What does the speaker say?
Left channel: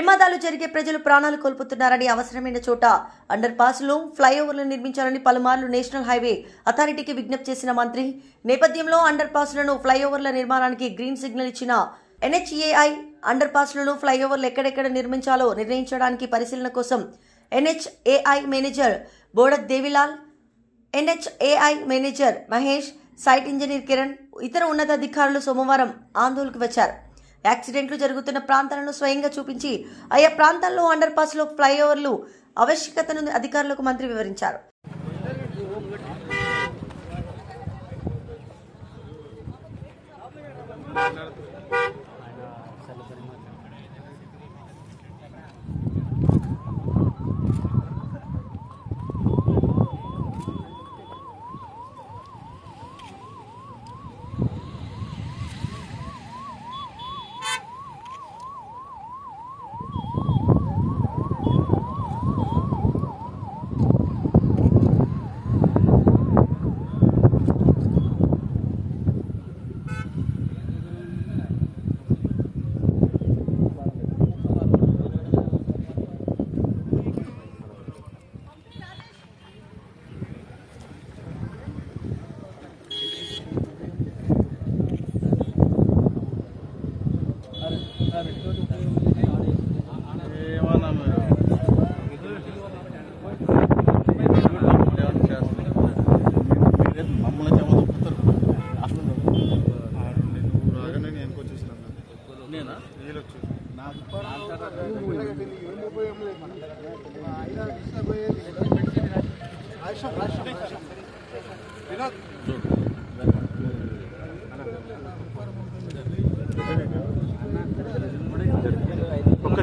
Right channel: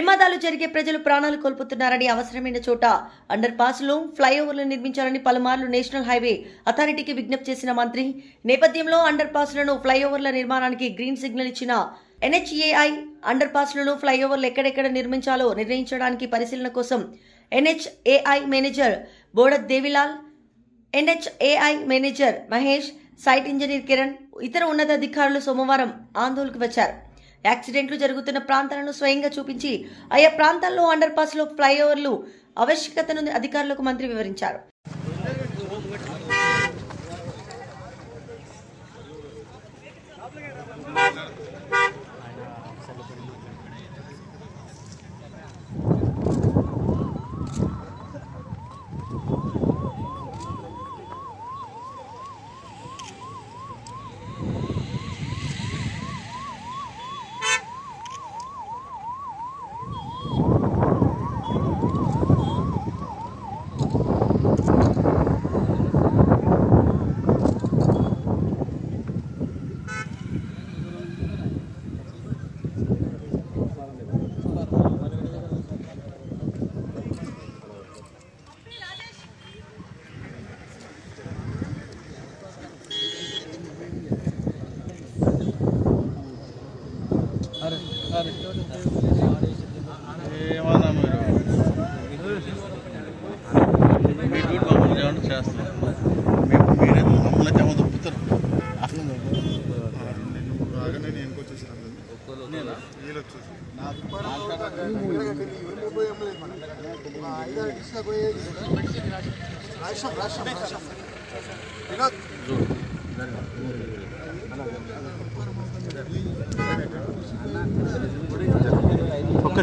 ప్రమాదాలు జరిగే ప్రజలు ప్రాణాలు కోల్పోతున్నారని అవసరమైన చోట అండర్ పాస్లు ఫ్లైఓవర్లు నిర్మించాలని పలుమార్లు నేషనల్ హైవే అథారిటీకి విజ్ఞప్తి చేసిన మంత్రి నేపథ్యంలో అండర్ పాస్లను ఫ్లైఓవర్ల నిర్మాణానికి గ్రీన్ సిగ్నల్ ఇచ్చిన NHAI అండర్ పాస్లను ఫ్లైఓవర్లు ఎక్కడెక్కడ నిర్మించాలో నిర్ణయించడానికి పరిశీలన కోసం NHAI manager Bodath Devilal, NHAI manager Mahesh, site engineer Kiran, ఇతర ఉన్నతాధికారులు సోమవారం ఆందోళనకు వచ్చారు. యాక్సిడెంట్లు జరుగుతున్న ప్రాంతాలను స్వయంగా చూపించి ఆయా ప్రాంతాల్లో అండర్ పాస్లో ఫ్లైఓవర్లు ఆవశ్యకతను అధికారులకు మంత్రి వివరించారు. ఏమన్నా మీరు మమ్మల్ని ఏమన్నా చేస్తున్నారు, మీరే మమ్మల్ని ఏమో దొప్పుతారు. అసలు ఒక్క